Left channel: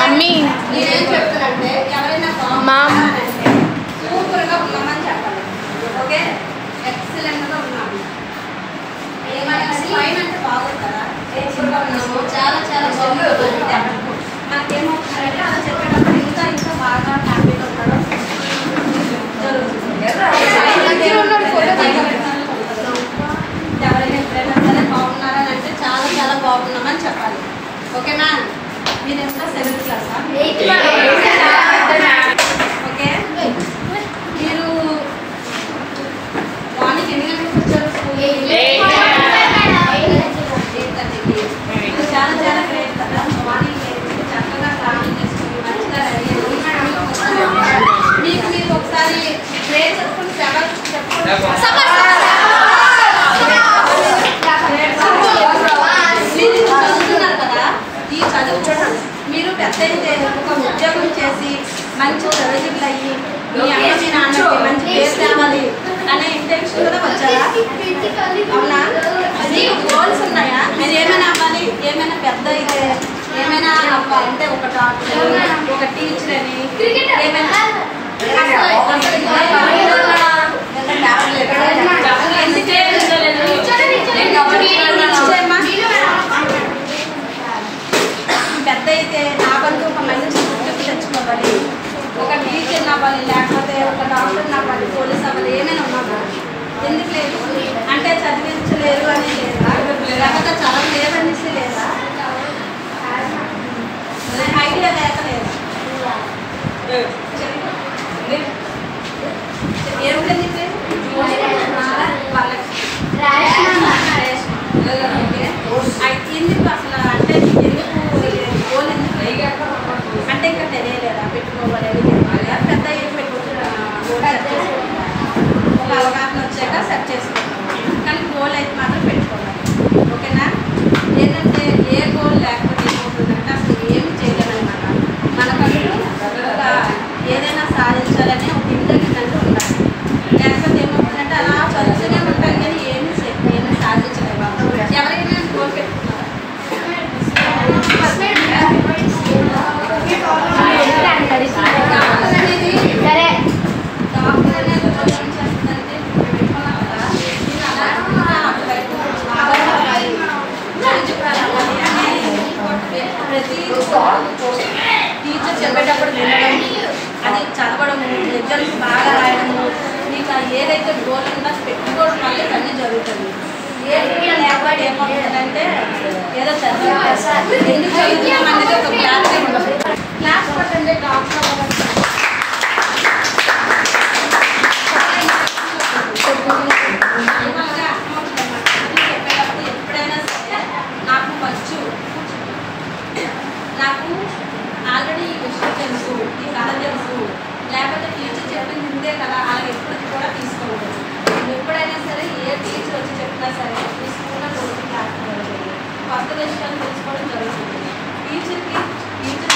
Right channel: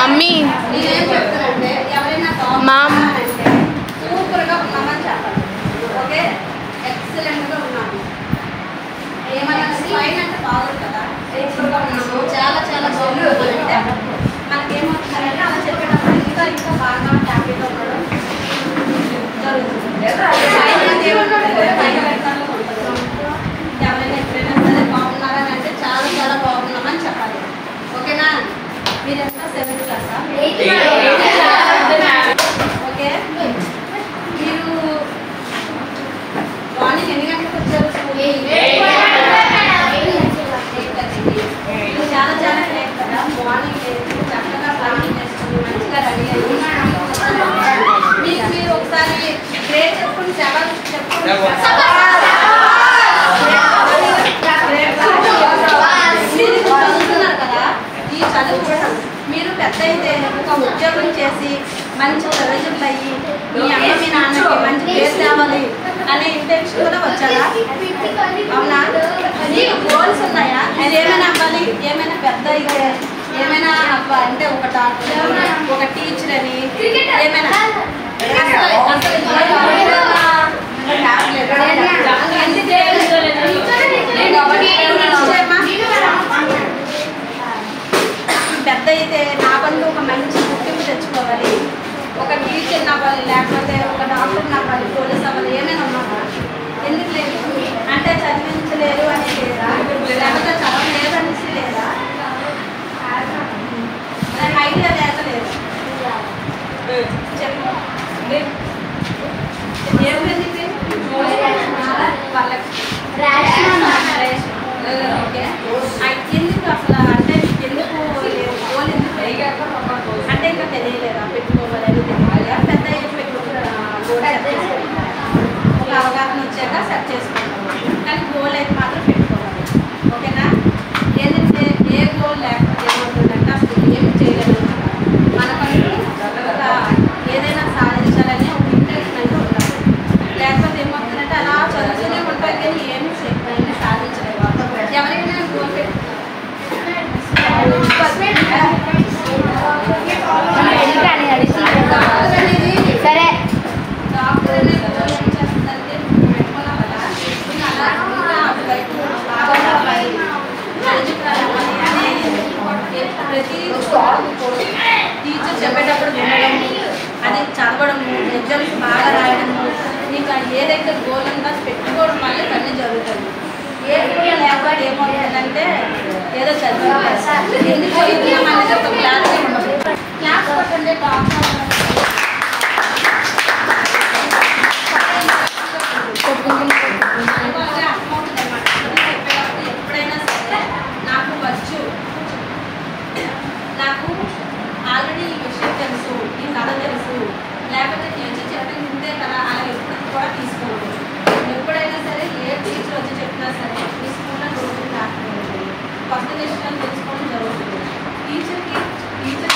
Mummy ma'am సూపర్గా ఉన్నామని చెప్పాలి. ఓకే, ఎక్సలెంట్గా ఉన్నాము. ఏమైనా ఫైన్ అంటే బాగుంది కదా, సూపర్గా ఉన్నాము, చాలా చాలా బాగుంది అంటే మనకేమవుతున్నారంటే అలా చెప్పేటప్పుడు ఇంకా ఇంకా బాగా హ్యాపీగా ఉండడం జరుగుతుంది. ఎవరైనా ఎప్పుడైనా సరే బాగున్నారని అంటే చాలా చాలా బాగున్నామని చెప్పాలి. ఓకేనా? మీరు ఎంత 7th క్లాసా? ఓకే, మీరు మార్నింగ్ ఎన్ని గంటలకు వచ్చారు స్కూల్? చాలా చాలా గ్రేట్ కదా. మార్నింగ్ చక్కగా ప్లాన్ చేసుకుని మంచిగా రెడీ అయ్యి మీకు మీరు ఒకసారి ప్రే చేసుకుని చెప్పండి. మీరు చదువుతున్నారు కదా, ఈ చదువు మీరు పెద్ద అయితే ఒక ఉద్యోగం చేసి మంచి చదువులు అయ్యి మీ అమ్మ మీ నాన్నకి మంచి పేరు తేవాలి అనే ఇంటెన్షన్ కూడా వచ్చారా? అవునా? మీకు గోల్స్ ఉన్నాయా? మీరు ఏమైనా అవ్వాలి, ఏమైనా పెద్ద అయితే ఏమైనా అవ్వాలి అంటే ఒక డాక్టర్, ఒక టీచర్ అని ఏమైనా పెద్ద అయితే నాకంటూ ఒక మంచి గుర్తింపు తెచ్చుకోవాలి, ఒక టీచర్ అవ్వాలి, లేకపోతే ఒక డాక్టర్ అవ్వాలి, పోలీస్ అవ్వాలి, ఏమైనా ఉన్నా ఎందుకు లేదు అంటే చదివించలేరు అని లేదా, లేకపోతే చదవలేరు అనేసి లేదా, ఐడియా లేక లేదు. ఏమిటండి ఎందుకు అసలు అంటే ఎందుకు గోల్ ఎందుకు అంటే ఇంకా తెలియలేదా పెట్టుకోవాలి? పెద్ద ఏజ్ పెట్టుకుంటే గోల్ సెట్ చేసుకుంటాం, ఒక అవగాహన వచ్చాక సెట్ చేసుకుంటాం, కానీ గోల్ అయితే మాత్రం పెట్టుకోవాలి. ఓకేనా? ఏంటంటే ఏ గోల్ లేకపోతే ఏమవుతుందంటే అసలు ఏమి చేయలేమన్నమాట. మనకంటూ ఒక ఏదైనా సాధించాలనే ఒక ఇంటెన్షన్ అంటే ఉండాలి. లేకపోతే ఏమవుతుందంటే అలా చదువుతూనే ఉంటాం కానీ ఏమీ సాధించలేము. ఎవరైనా గోల్ పెట్టుకున్నారు సరే డాక్టర్ అనేది గోల్ ఏం చేస్తుందంటే పెట్టుకున్నాం కదా, నేను అలా బాగా చదవాలి, ఎలిజిబుల్ అవ్వాలి అని ప్రతి టీచర్ చెప్పేటప్పుడు వినడం, అది చదవడము, ఎగ్జామ్స్ బాగా రాయడము, ఇంకా ఏదైతే గోల్ ఉందో పెట్టుకోవడం వల్ల ఇవన్నీ జరుగుతుంది. ఏ గోల్ లేకపోతే ఏమవుతుందంటే ఏదో చదువు ఎందుకు చదువుతున్నాం అనేది ఒక క్లారిటీ ఉండదు. క్లాస్ కొట్టండి డాక్టర్ చెప్పేటప్పుడు ఎప్పుడైనా సరే నాకు వచ్చు, నాకు ఆల్రెడీ ఈ విషయం తెలుసు, ఈ కథ తెలుసు, లేకపోతే టీచర్ చెప్పి ముందే కదా అలా ఎప్పుడు కూడా తీసుకోకూడదు. ఎప్పుడైనా సరే ఏ టీచర్ వచ్చి చెప్పినా సరే ఈ స్కూల్లో రోజులు రాకపోవాలి, కొత్త విషయాలు తెలుసుకోవడం జరుగుతుంది. టీచర్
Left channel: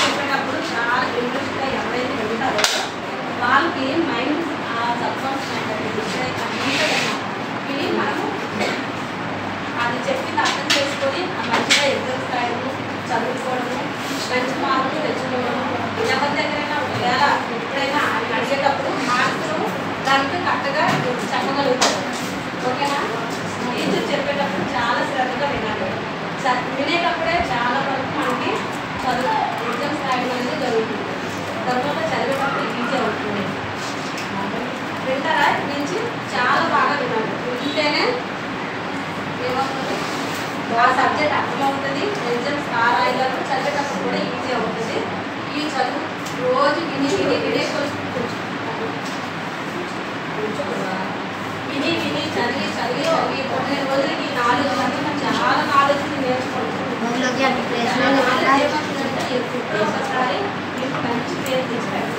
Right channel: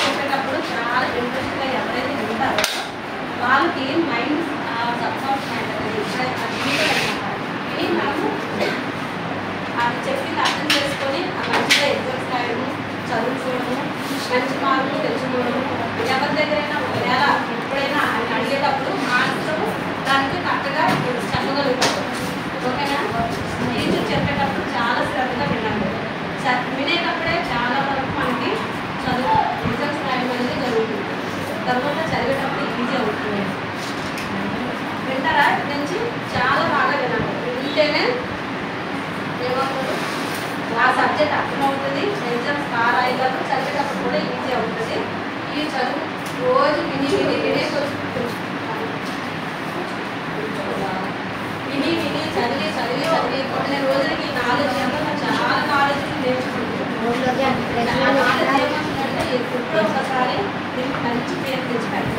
చెప్పేటప్పుడు చాలా ఇంట్రెస్ట్గా ఎవరైతే ఉంటారో వాళ్ళకి మైండ్ ఇది మనము అది చెప్పింది అర్థం చేసుకొని మంచిగా ఎగ్జామ్స్ రాయడము, చదువుకోవడము, మంచి మార్కులు తెచ్చుకోవడము, ఎవరి దగ్గరైనా ఒకవేళ ఎప్పుడైనా అని అడిగేటప్పుడు మార్క్స్ దానికి కరెక్ట్గా చెప్పగలుగుతారు. ఓకేనా? టీచర్ చెప్పేటప్పుడు చాలా శ్రద్ధగా వినాలి. వినేటప్పుడే చాలా వరకు మనకి చదువు ఎగ్జామ్స్ రాయడం అనేది జరుగుతుంది. తర్వాత చదివేటప్పుడు ఈజీ అవుతుంది. వింటారా? ఇక్కడి నుంచి చాలా బాగా వినాలి. వింటేనే ఏమవుతుంది, ఆ సబ్జెక్ట్ అర్థమవుతుంది, ఎగ్జామ్స్ రాయగలరు, చదివేటప్పుడు కూడా ఈజీ అవుతుంది. ఈ చదువు రోజు విని విని విని విని విని చదివి చదివి చదివి కొన్ని రోజులకి నాలెడ్జ్ అంటే చాలా నాలెడ్జ్ నేర్చుకుంటాం. నాలెడ్జ్ ఏమవుతుందంటే ఒకసారి మీకు మంచి పేరు తెచ్చుకోవాలి.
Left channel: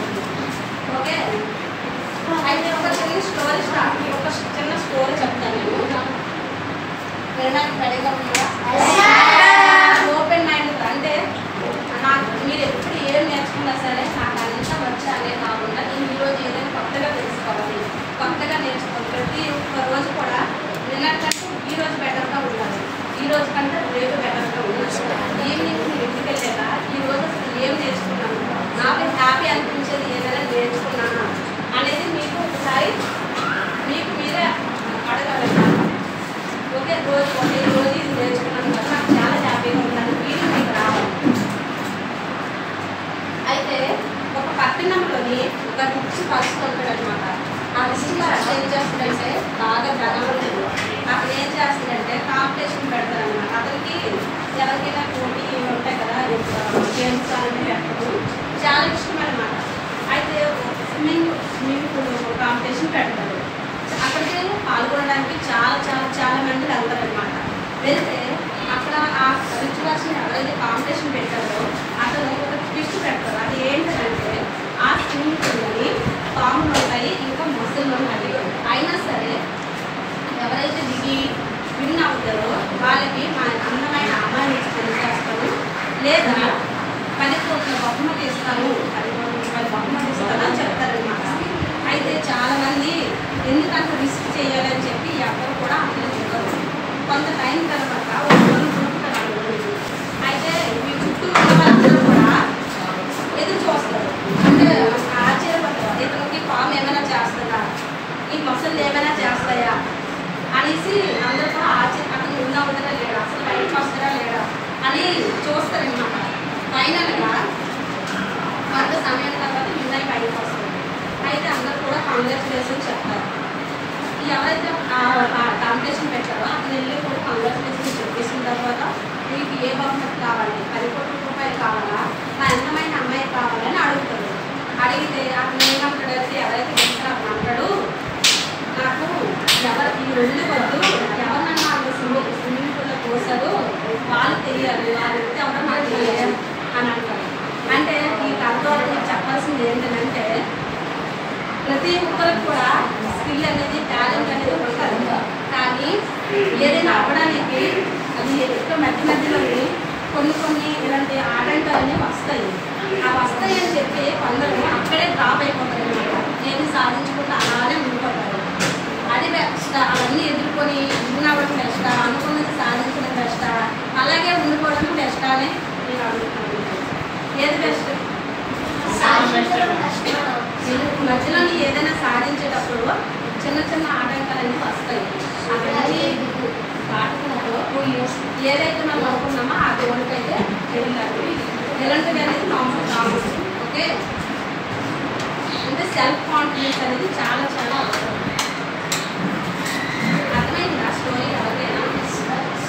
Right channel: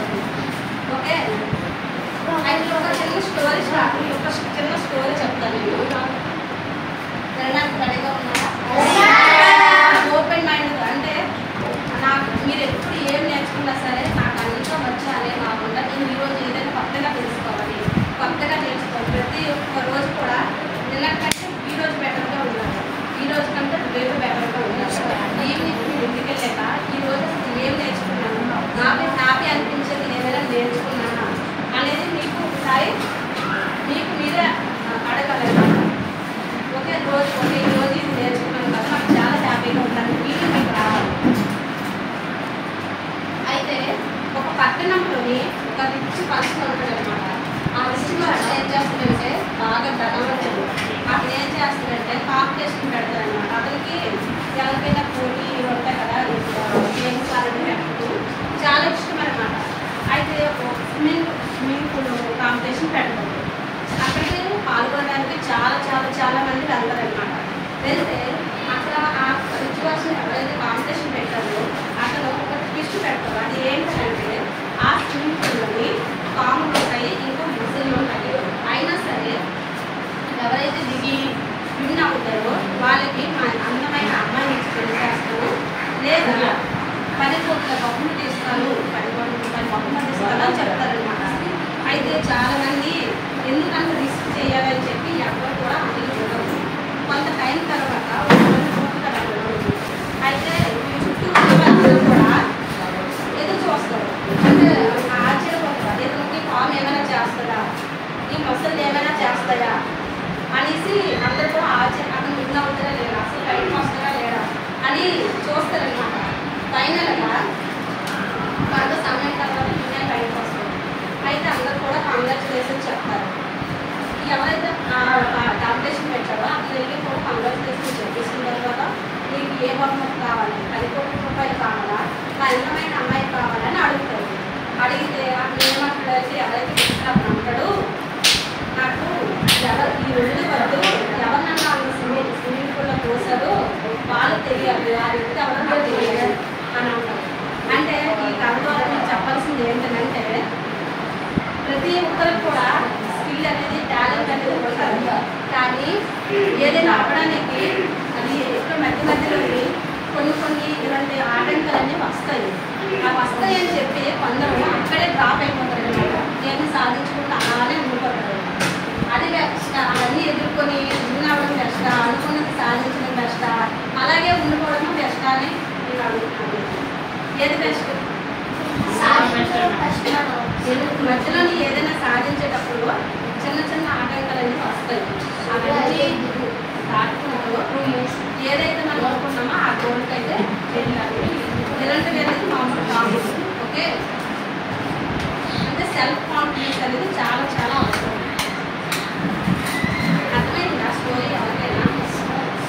ప్రతి ఒక్కరికి కూడా స్కిల్ అనేది టాలెంట్ అనేది ఉంటుంది. కానీ ఏదైనా అవ్వడానికి అది ఎక్కడ మధ్యలో కొన్ని ఇలాంటి ఆటంకాలన్నీ వస్తాయి. ఆ వస్తాయని చెప్పి కొందరు అక్కడే డ్రాప్ అయిపోతారు అనమాట. ఏమి సాధించకుండా అలానే ఉండిపోతారు. అది బెస్ట్. అవన్నీ ఎదుర్కొని ఉన్నవ్వడం బెస్ట్, అనుకున్నది సాధించడం బెస్ట్, అలాగే ఉండిపోవడం బెస్ట్ అని నేను అడుగుతున్నాను. ఏది బెస్ట్? మధ్యలో ఏదైనా సాధించేటప్పుడు చిన్న ఆటంకాలన్నీ వస్తాయి. అవన్నీ దాటుకున్నప్పుడు ఏదైతే మనం అనుకున్నామో ఆ గోల్కి అయితే వెళ్ళాలి. ఇలాంటివి అనేది మామూలు కాదు. ఓకే, అంటే సెల్ఫ్ కాన్ఫిడెన్స్ అనేది చాలా అవసరం. అర్థమైంది ఆ స్టోరీ ఎవరికైనా?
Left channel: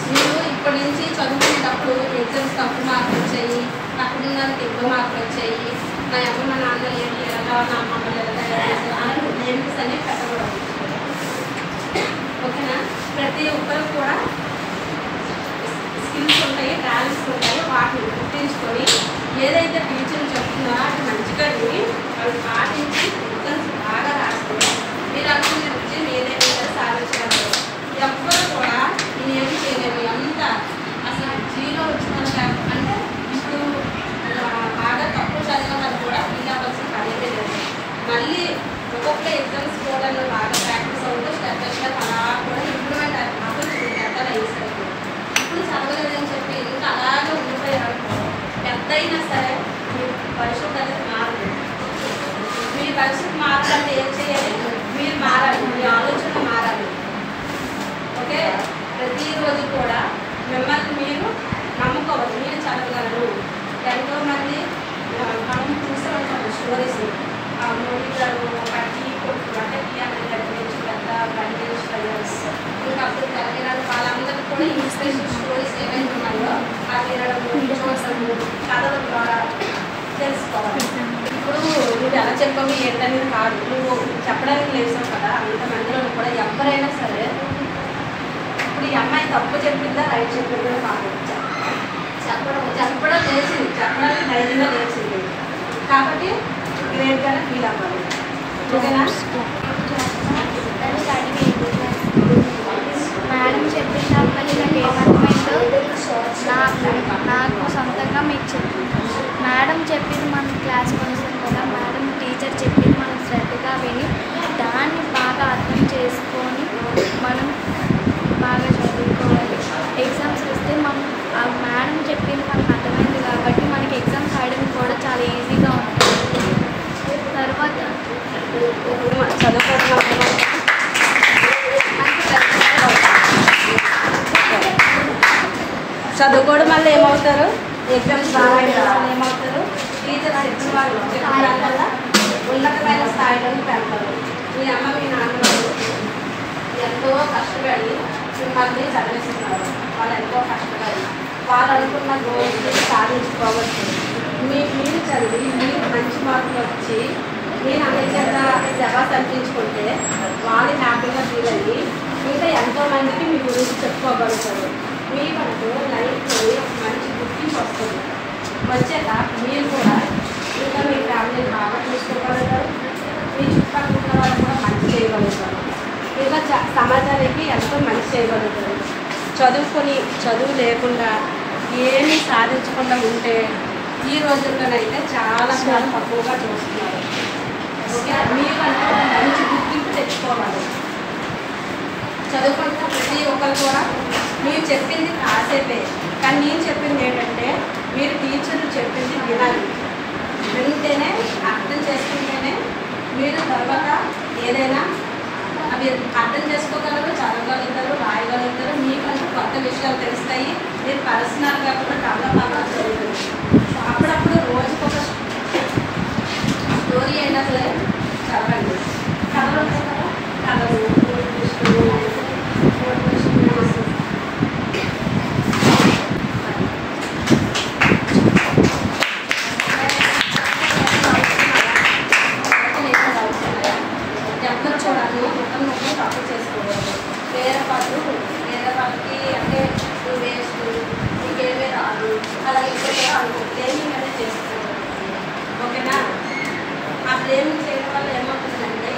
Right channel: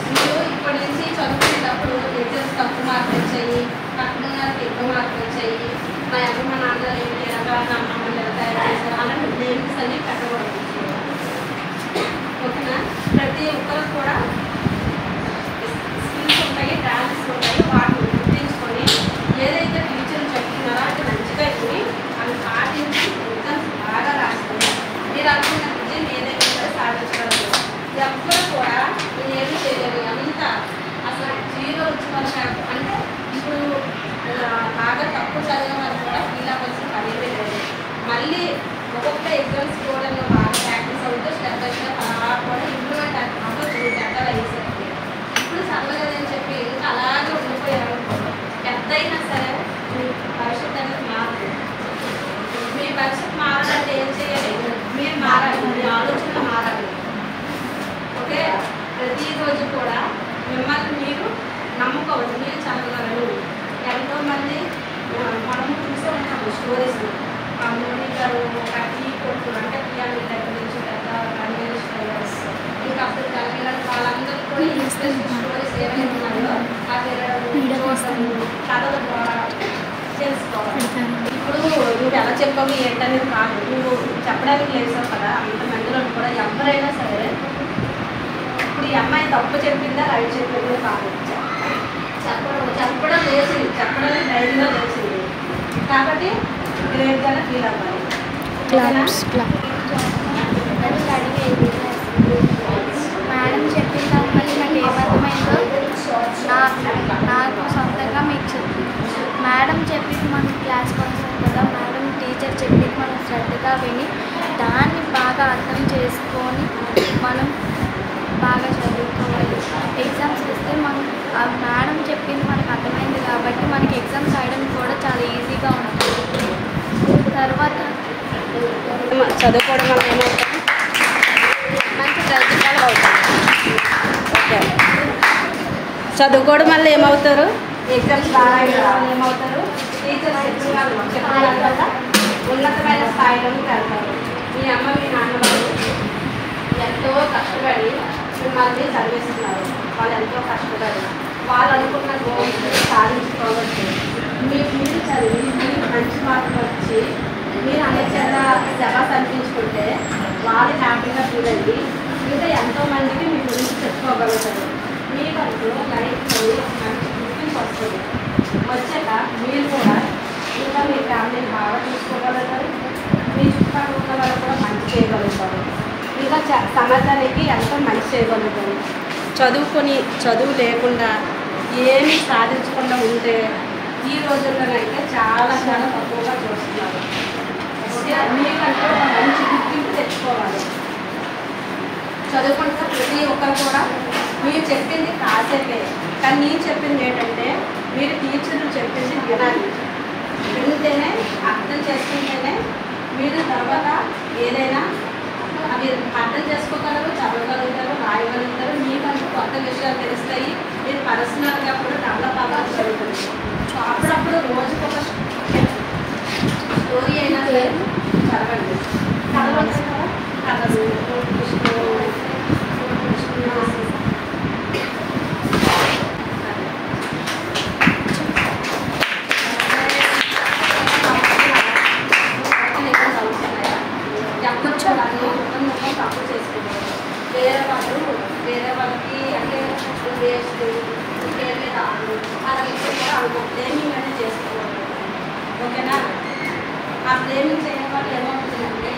మీరు ఇప్పటి నుంచి చదువుకునేటప్పుడు ఎగ్జామ్స్ తక్కువ మార్కులు వచ్చాయి, అక్కడ ఉన్నది ఎక్కువ మార్కులు వచ్చాయి, మా అమ్మ మా నాన్న ఏంటి ఎలాగా, నా అమ్మమ్మని ఎలా తయారు చేశారు అన్న నేమ్స్ అన్నీ కట్టబడదు. ఓకేనా? ప్రతి ఒక్కరికి కూడా స్కిల్స్ ఉంటాయి, టాలెంట్స్ ఉంటాయి. వాటిని గుర్తించుకొని ఏదైతే టీచర్లు చెప్తున్నారో అది మంచిగా విని వాళ్ళు పాటించి ఎగ్జామ్స్ బాగా రాస్తారు. మీరు అనుకున్న విజయం ఏదైనా కూడా సాధించగలరు. ఎవ్వరు కూడా నేనేమి చేయలేము. ఎంత అసలు జీరో వచ్చిన వాళ్ళు అంటే ఇప్పుడు బాగా తక్కువ చదివిన వాళ్ళు కూడా ఫీల్ అవ్వాల్సిన పనేదే లేదు. మళ్ళీ ఒక్కొక్క ఎగ్జామ్స్ కూడా బాగా ప్రాక్టీస్ అవుతూ స్టెప్ బై స్టెప్ అలా కూడా ఇంప్రూవ్మెంట్ అవ్వచ్చు. పెద్దలు అయ్యేసరికి ఇప్పుడు చదవలేదని చెప్పి ఇంకా అలాగే ఉండిపోయారు. పెద్ద అయినా సరే మీ భవిష్యత్తు అనేది మారదు. మీ భవిష్యత్తు మారాలంటే ఏం చేయాలి? మీరు మారాలి, మీ ఆలోచన మారాలి. ఓకే, ప్రతిరోజు కూడా మిమ్మల్ని మీరు నమ్ముకోవాలి. మీరు చదవగలరు. ఎంతోమంది మనం చూస్తూ ఉంటాము స్టోరీస్. మోని గారు టీ కొట్టు అంటే టీఆర్ఎస్ దగ్గర నుంచి పెద్ద గణేష్ డ్రైవర్స్ ఇంకా అప్పుడు తెలంగాణ వాళ్ళందరూ కూడా ఇన్స్పిరేషన్ స్టోరీస్ ఏమైనా ఉన్నాయో అది చదవడం ద్వారా తెలుసుకోవాలి. ఇప్పుడు నువ్వు ఎలా చెప్పావు ఏంటనేది కాదు, నువ్వు చెప్పడానికి లేసావు కదా. అంత మందిలో కూడా ఎవరైనా సరే ఇప్పుడు ఈ అమ్మాయి తప్పు చెప్పిందా రైట్ చెప్పిందా కాదు, చెప్పడం లేచింది, చెప్పడానికి ధైర్యంగా లేచింది కాబట్టి గ్రేట్గానే ఫీల్ అవ్వాలి. మేడం చెప్పిన దాన్ని బట్టి నాకు ఏమర్థమైందో నాకు సొంతంగా మీకు చెప్తున్నాను. మేడం చెప్పింది మనం క్లాస్ కొనసాం కదా, మేడం టీచర్ చెప్పింది మనం శ్రద్ధగా విని దాన్ని బాగా అర్థం చేసుకొని మనం బాగా చదువుకోవాలి. ఎగ్జామ్స్ వస్తే మనం ఆ మేడం చెప్పింది మనకు అర్థమైంది కాబట్టి మనకి ఎగ్జామ్స్ రాయడం కూడా చాలా ఈజీగా ఉంటుంది. తర్వాత చదువుకోవడం వల్ల ఏమవుతారు? ఎగ్జామ్స్ బాగా ఏమవుతారు? టీచర్స్ చెప్పిన వాళ్ళు చెప్పడం వల్ల ఉన్నతమైన స్థాయిలోకి వెళ్తారు. మీ అమ్మ మీ నాన్నగారు ఎంతో కష్టపడి మిమ్మల్ని చదివిస్తున్నారు. వాళ్ళు ఎంతో కష్టపడి వాళ్ళు అనుకున్న గోల్స్ సాధించుకోవచ్చు. మీరు చదివి మీరు మంచి మార్కులు వచ్చి మీరు అందరిచేత శబాస్ అనిపించుకుంటే వాళ్ళు హ్యాపీగా ఫీల్ అయ్యి ఇంకా ఎంతోమందికి మీ గురించి చెప్పుకోగలుగుతారు. మీకంటూ లైఫ్లో మంచి గుర్తింపు వస్తుంది. వచ్చాక మీరు కూడా ఇంకా మీ ఫ్యామిలీని బాగా చూసుకోగలుగుతారు. మీ చుట్టుపక్కల ఉన్న వాళ్ళు కూడా మంచి చేయగలుగుతారు. ఇంకా సమాజానికి ఎంతో మంచి చేయగలుగుతారు. చదువు లేకుండా ఏమీ సాధించకుండా ఉంటే ఈ రోజుల్లోనైతే చాలా తక్కువగా చూస్తున్నారు. ఓకే, మీకంటూ మంచి గుర్తింపు తెచ్చుకోవాలి. చదువుకుంటే ప్రతి ఒక్కరు కూడా మీరు చెప్పింది కాసేపే, కానీ నేను చెప్పింది ఏంటంటే మీరు టీచర్లు చెప్పింది వినాలి. వింటేనే అర్థం చేసుకుంటేనే మీరు తర్వాత ఏదైనా అవి అర్థం చేసుకోగలరు, చదవగలుగుతారు, రాయగలుగుతారు. మీకంటూ కొత్త విషయాలు తెలుస్తాయి. మీరు పర్సనల్గా కూడా డెవలప్ అవ్వాలి జరుగుతుంది. అప్పుడప్పుడు రోజుకొక స్టోరీ అయినా సరే చదవండి. కథలు ఉంటాయి కదా, కథలు ఎప్పుడు చూడాలి, మొత్తం తప్పు చేసుకోకూడదు. వేరే వాళ్ళకి అంటే వేస్ట్ ఇంకేమే రాదు అలా ఎప్పుడు అనుకో బ్లేమింగ్ అనేది చేసుకోకూడదు. ఓకేనా? ఆ బ్లేమింగ్ చేయడం వల్ల ఏమవుతుందంటే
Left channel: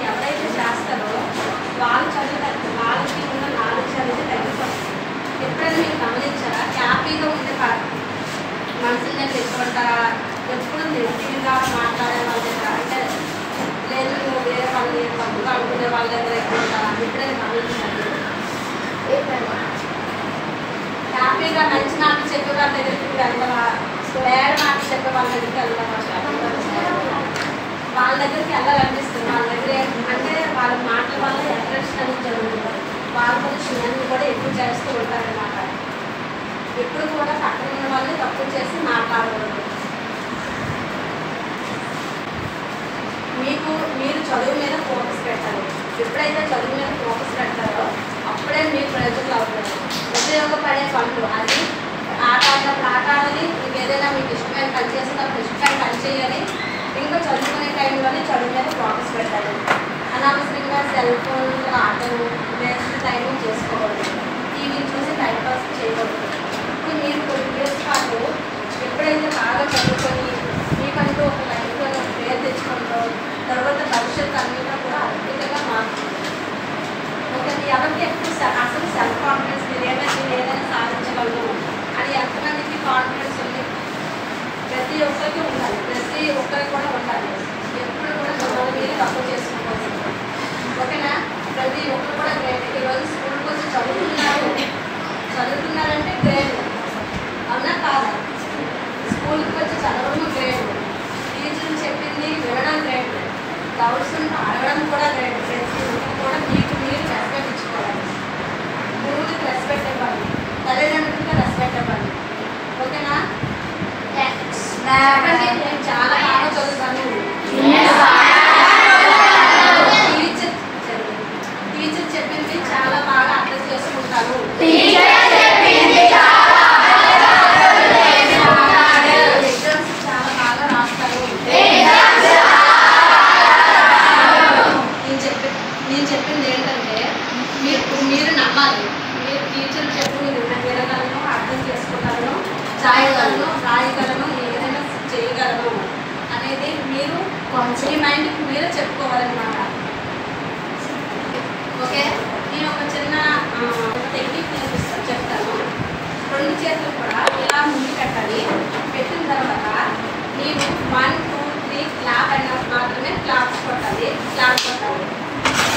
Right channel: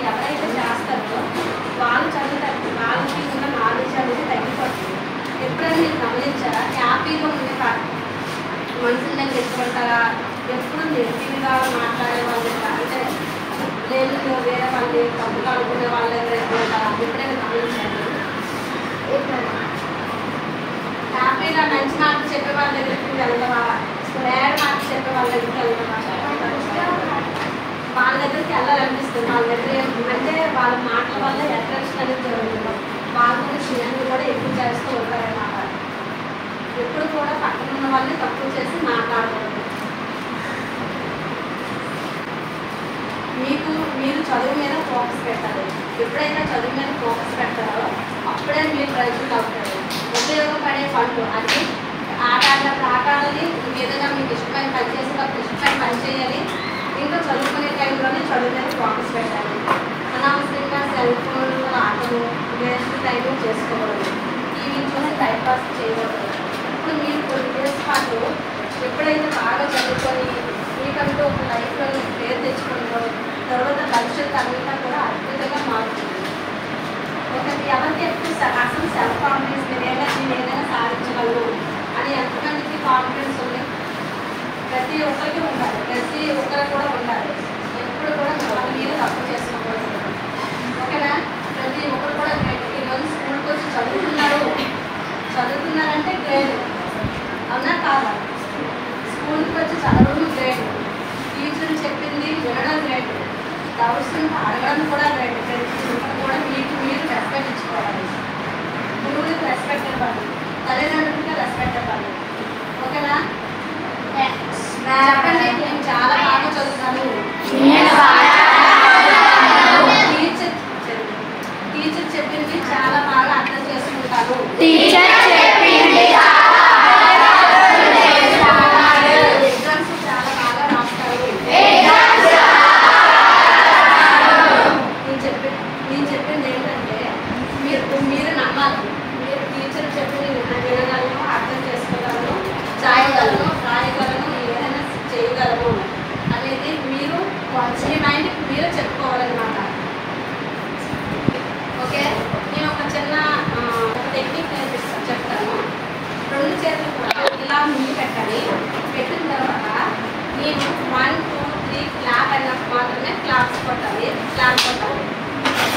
ఎప్పుడు నెగిటివ్గా మాట్లాడే వాళ్ళ దగ్గర అంటే లేదు నువ్వు వేరే వాళ్ళు తప్పుగా అనుకునే వాళ్ళ దగ్గర ఎక్కువ ఉంటారు. ఎప్పుడైనా గమనించండి. హ్యాపీగా మంచి మాటలు చెప్పే వాళ్ళ దగ్గరికి వెళ్దామా, బ్యాడ్ మాటలు చెప్పే వాళ్ళ దగ్గరికి వెళ్దామా, వాళ్ళ దగ్గరికి వెళ్ళాలనిపిస్తుంది. వాళ్ళ దగ్గర ఏంటంటే వాళ్ళ మాటల వల్ల అట్రాక్షన్ అనేది జరుగుతుంది. వాళ్ళ మనుషులన్నీ కూడా ఎక్కువ చేస్తూ ఉంటారన్నమాట. ఎప్పుడు కూడా పక్కన ఉన్న వాళ్ళు తక్కువ చేసి మాట్లాడకూడదు. మీరు చదువు మీద ఫోకస్ పెట్టాలి. ఎప్పుడైతే చదువు మీద ఫోకస్ పెడతారో అప్పుడే మీరు ప్రయోజనం అవుతారు. ఉపయోగపడే పనులు అది ఆట ఆడినప్పుడు ఆట ఆడాలి, ఇంకేదైనా మీకు ఇష్టమైన పని చేసేటప్పుడు ఇష్టమైన పని చేయాలి. ఇంకా చదువుకునే టైంలోనే చదువు మీద ఫోకస్ పెట్టాలి. అనవసరంగా సెల్ ఫోన్ ఆటలు వేస్ట్ టైం చేసుకోకూడదు. టీవీని చూసి టైం పాస్ చేయకూడదు. ఇప్పుడు మీరు కొన్ని ఇయర్స్ పాటు ఎప్పుడైతే బాగా చదువుకొని మీకంటూ ఒక లైఫ్లో పేరు తెచ్చుకుంటారో తర్వాత భవిష్యత్తు అంతా కూడా అద్భుతంగా మారుతుంది. ఒకటి ఎవరికి ఎక్కువ అసలు సెల్ఫ్ కాన్ఫిడెన్స్ ఏదైనా సాధించగలను అని ఎంతమందికి కాన్ఫిడెన్స్ ఉంది? ప్రతి ఒక్కరికి ఉండాలి. ప్రతి ఒక్కరికి కూడా ఉండాలి. ఎప్పుడు కూడా మిమ్మల్ని మీరు తక్కువ చేసుకోకూడదు. ఓకేనా? ప్రతి ఒక్కరు కూడా గ్రేట్. ఈరోజు స్కూల్కి వచ్చి చదువుతున్నారంటే గ్రేట్. అవునా కాదా? స్కూల్కి వచ్చి చదవడం గ్రేట్. టీచర్లు చెప్పింది వినడం గ్రేట్. డౌట్స్ అడగడం కూడా గ్రేట్. ప్రతి ఒక్కరు కూడా మీకు మీరు రెస్పెక్ట్ ఇచ్చుకోవాలి. గురువులకు రెస్పెక్ట్ ఇవ్వాలి. తల్లిదండ్రులకు రెస్పెక్ట్ ఇవ్వాలి. ఓకేనా? చెప్పండి, నేను చాలా బాగా చదువుతాను. టీచర్ చెప్పింది చాలా బాగా అర్థం చేసుకుంటాను. ఎగ్జామ్స్ చాలా బాగా రాస్తాను. నేను చెప్పింది ఏంటంటే మీరు నమ్మాలి. మీరు టీచర్ చెప్పింది వినగలను, అర్థం చేసుకోగలను, రాయగలను, ఏదైనా చేయగలను అనేది మీరు మీ మైండ్కి మీరే చెప్పుకోవాలన్నమాట. ఓకే? నేను ఒక చిన్న టెక్నిక్ చెప్తాను. రెండు చేతులు కూడా ఇలా ముందు పెట్టాలి. పెట్టిన తర్వాత నేను 1, 2, 3 క్లాప్ అన్నప్పుడు మాత్రమే క్లాప్స్ కొట్టాలి.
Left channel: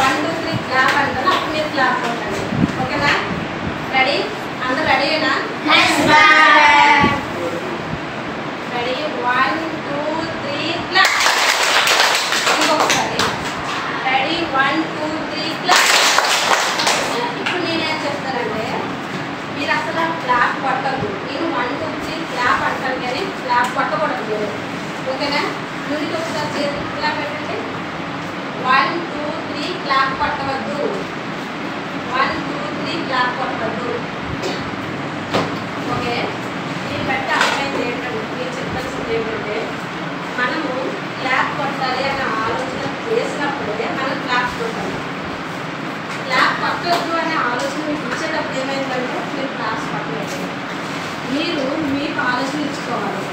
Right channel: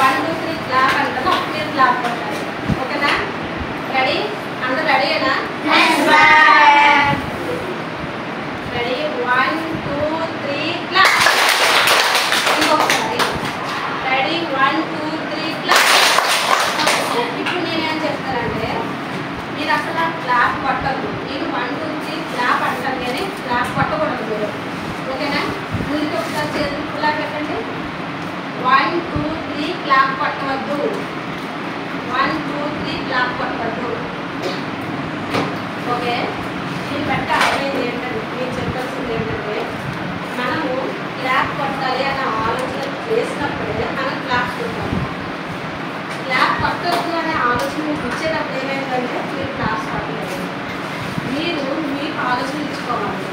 1, 2, 3 క్లాప్ అంటారు. అప్పుడు మీరు క్లాప్ కొట్టాలి. ఓకేనా? రెడీ? అందరూ రెడీనా? రెడీ? 1, 2, 3 క్లాప్. ఇంకొకసారి రెడీ? 1, 2, 3 క్లాప్. ఇప్పుడు నేనేం చెప్తానంటే మీరు అసలు క్లాప్ కొట్టద్దు. నేను 1, 2, 3 క్లాప్ అంటాను కానీ క్లాప్ కొట్టకూడదు మీరు. ఓకేనా? ముందుకు ఒకసారి చేతులు ఇలా పెట్టండి. 1, 2, 3 క్లాప్ కొట్టవద్దు. 1, 2, 3 క్లాప్ కొట్టవద్దు. ఓకే? నేను పెట్టి అర్థమైంది ఏంటంటే నేను చెప్పాల్సింది ఏంటంటే మనము క్లాప్ కొట్టాలి అనే ఆలోచన చేసినప్పుడే మనం క్లాప్స్ కొట్టాలి. క్లాప్ కొట్టవద్దు అనే ఆలోచన మీకు ఇచ్చేటప్పుడు ఏమైందంటే మీరు క్లాప్స్ కొట్టలేదు. మీరు మీకు ఆలోచన ఇచ్చుకోవాలి.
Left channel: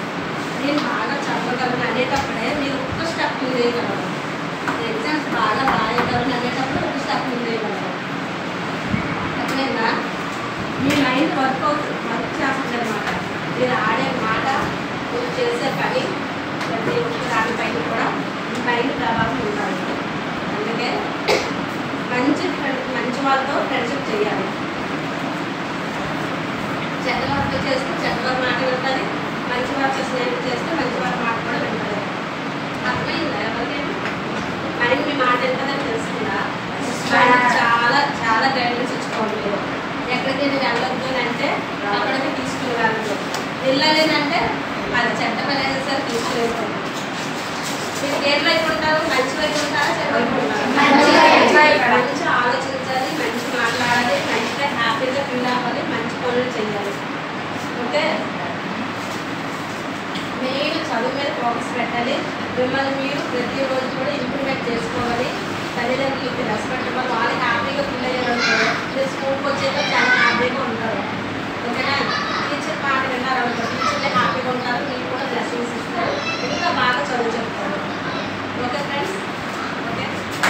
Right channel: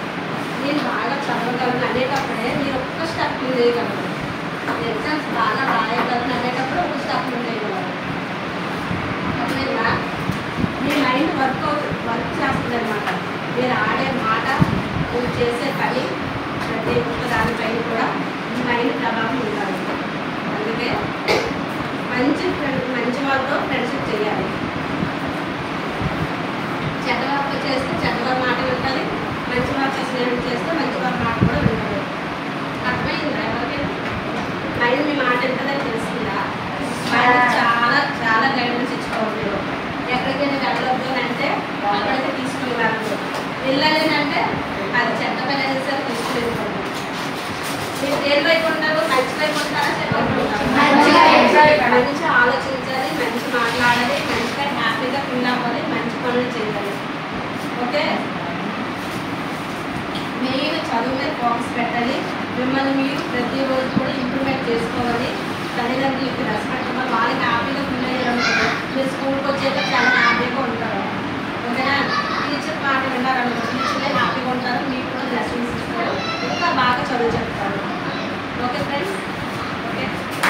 నేను బాగా చదవగలను అనేటప్పుడే మీరు ఒక్క స్టెప్ ముందేయగలరు. ఎగ్జామ్స్ బాగా రాయగలను అనేటప్పుడు ఒక స్టెప్ ముందేయగలరు. అర్థమైందా? మీ మైండ్ వర్క్ చేస్తుంది అనమాట. మీరు ఆడే మాట, మీరు చేసే పని ప్రతి ఒక్క దానిపైన కూడా మీ మైండ్ ప్రభావం ఉండాలి. అందుకే మంచి వాళ్ళతో ఫ్రెండ్షిప్ చేయాలి. చెడ్డవారితో చేస్తే చెడ్డవారి మాట వింటుంది. మంచి వారితో స్నేహం చేస్తే మంచి వారి మాట కూడా వింటుంది. అర్థమైందా? ఎవరికైనా మైండ్ మీ మాట వింటుందని తెలుస్తుందా? మైండ్ చాలా చాలా గైడెన్స్ ఇచ్చుకోవాలి. మీరు ఎక్కడికైనా వెళ్ళొద్దు అని అంటే అక్కడికి తీసుకుని వెళ్ళదు. వెళ్ళాలేనంటే అది చెడ్డ పని అయినా సరే తీసుకునేసుకోండి. మీరు దేని వైపు ఉంటారు? మంచి వైపు ఉంటారా? చెడ్డ వైపు ఉంటారు? మంచి ఆలోచించాలి, మంచి మాట్లాడాలి, మంచిగా హ్యాపీగా ఫీల్ అవ్వాలి, మంచి పనులు చేయాలి. ఓకే? మెయిన్ చదువు మీద ఫోకస్ పెట్టాలి. మిమ్మల్ని మీరు ప్రతిరోజు కూడా ఇంప్రూవ్మెంట్ చేసుకోవాలి. తల్లిదండ్రులకి రెస్పెక్ట్ ఇవ్వాలి. వాళ్ళకి హ్యాపీగా ఫీల్ అయ్యారనుకో మీరు స్కూల్కి వచ్చేలా చాలా హ్యాపీగా ఉంటారు. ఓకేనా? టీచర్ మాట విన్నారనుకో టీచర్లే హ్యాపీగా ఉంటారు. మీకు కూడా బ్లెస్సింగ్స్ ఇస్తారు. ఇంకా బాగా చదువు చెప్తారు. Okay friends?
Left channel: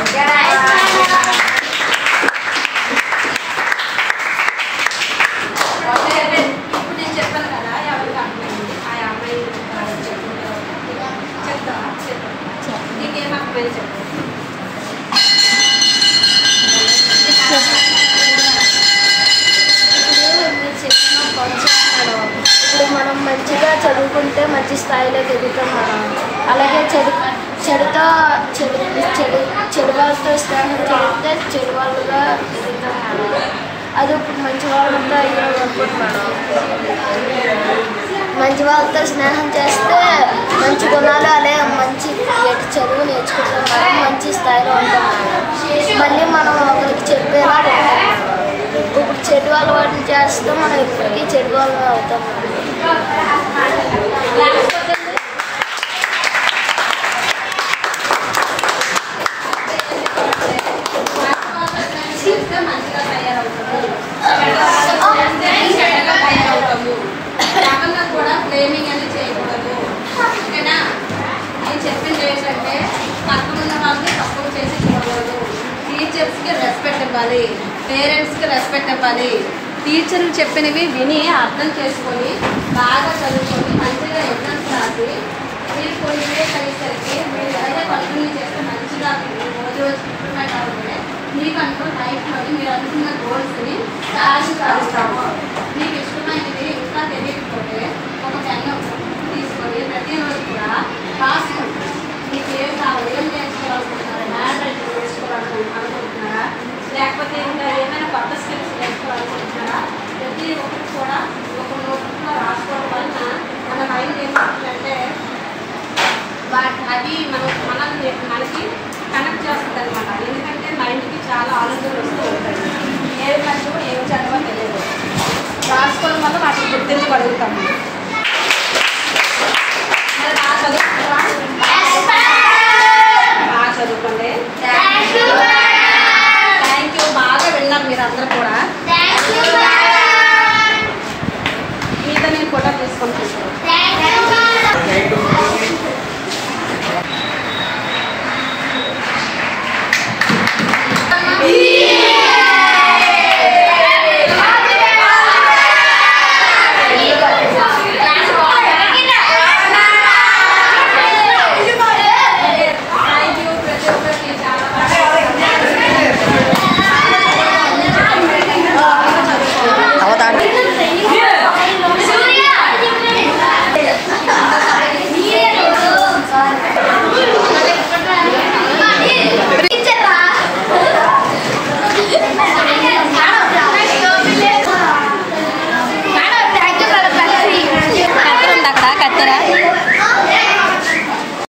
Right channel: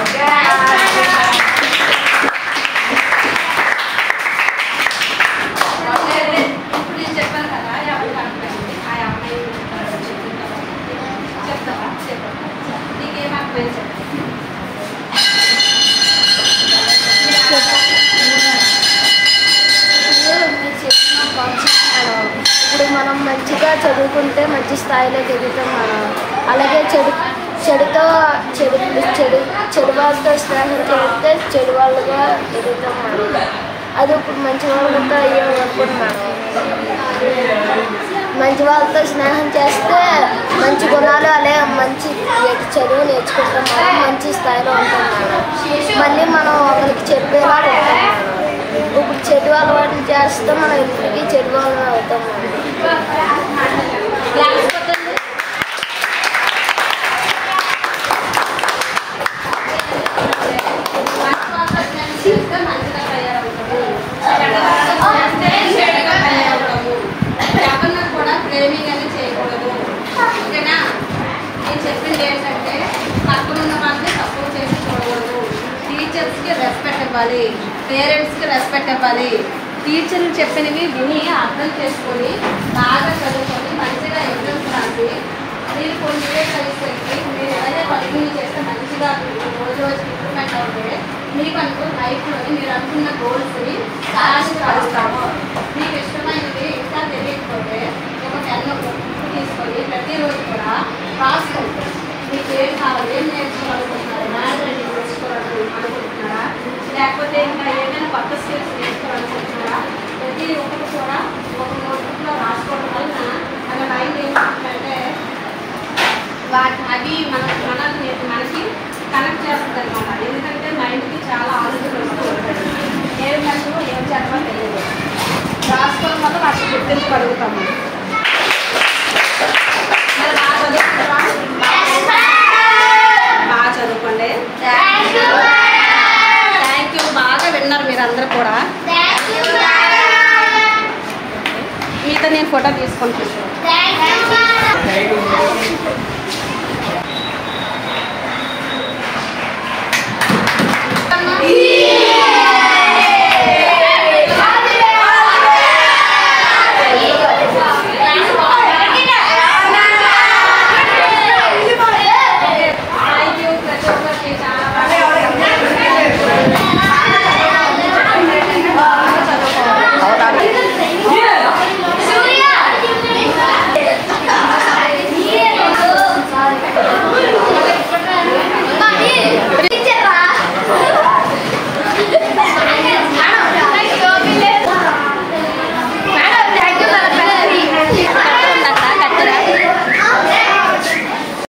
ఓకే. ఇప్పుడు నేను చెప్పాను కదా ఎవరికి అర్థమైంది. ఆ అమ్మాయి చెప్పుకుంటారు. అర్థమైంది చెప్పండి. మీరు చెప్పిన కాన్సెప్ట్ మేడం, ఇప్పుడు మనం మంచిగా చదువుకుంటే మంచి స్థాయిలోకి ఎదుగుతాం మేడం. అలాగే చెడు వాళ్ళతో స్నేహం చేస్తే చెడు వాళ్ళుగా ఎదుగుతాం మేడం. అది ఇప్పుడు మంచి వాళ్ళతో అయ్యాం అనుకోండి మేడం. మంచి వాళ్ళతో స్నేహం చేస్తే మంచి గుణాలు అలాగే మంచి చదువు నేర్చుకుంటాం మేడం. మంచి స్థాయిలో ఉంటాం మేడం. మళ్ళీ మనం ఒకరికి చెప్పేలా ఉంటాం మేడం. ఇప్పుడు చెడు అలవాటుని చేస్తే మనం ఎప్పటికీ చెడు వాళ్ళని అవుతాం మేడం. మంచిగా తయారవుతాము, చెడ్డగా తయారవుతాము. ఎవరిని కూడా ఫ్రేమింగ్ అని చేయకూడదు. ఓకేనా? నేను చెప్పింది ఏంటంటే పక్కన ఉన్న వాళ్ళకి తక్కువ చేసి చూడకూడదు. టీచర్స్కి రెస్పెక్ట్ ఇవ్వాలి, పేరెంట్స్కి రెస్పెక్ట్ ఇవ్వాలి. టీచర్లు చెప్పినవి విని అర్థం చేసుకొని బాగా చదువుకొని మంచిగా ఎగ్జామ్స్ రాసి మీరు కొన్ని ఇయర్స్ అయ్యేసరికి మీరు ఎవరైతే కంటిన్యూ చేస్తే మంచిగా రోజు రోజు ఇంప్రూవ్మెంట్ అవుతుంది. మీకు అనుకో లైఫ్లో మీరు అనుకున్న గోల్స్ని సాధిస్తాము. మీకు ఇష్టమైనది ఇంకా తెలియకపోతే ఒక పెన్ను తీసుకొని ప్రతిరోజు కూడా రాసుకోండి. మీకు ఏం కావాలి, ఏం నేర్చుకోవాలనుకుంటున్నారా, మ్యాథ్ అంటే నేర్చుకోవాలనుకుంటున్నారా, లేకపోతే ఇంకా ఏమైనా కొత్త స్కిల్స్ నేర్చుకోవాలనుకుంటున్నారా, ప్రతి ఒక్కరు కూడా ఒక నోట్బుక్లో రాసుకోవడం వలన మన మైండ్ ఏంటంటే అవి మనకి కనెక్ట్ చేస్తుంది అనమాట. ఎందుకంటే మైండ్కి చాలా ఆలోచనలు వస్తూ ఉంటాయి. ఏం చదువు ఏం చదవో తెలియదు. రాసుకోవడం వల్ల వాటిని గుర్తించగలుగుతాము.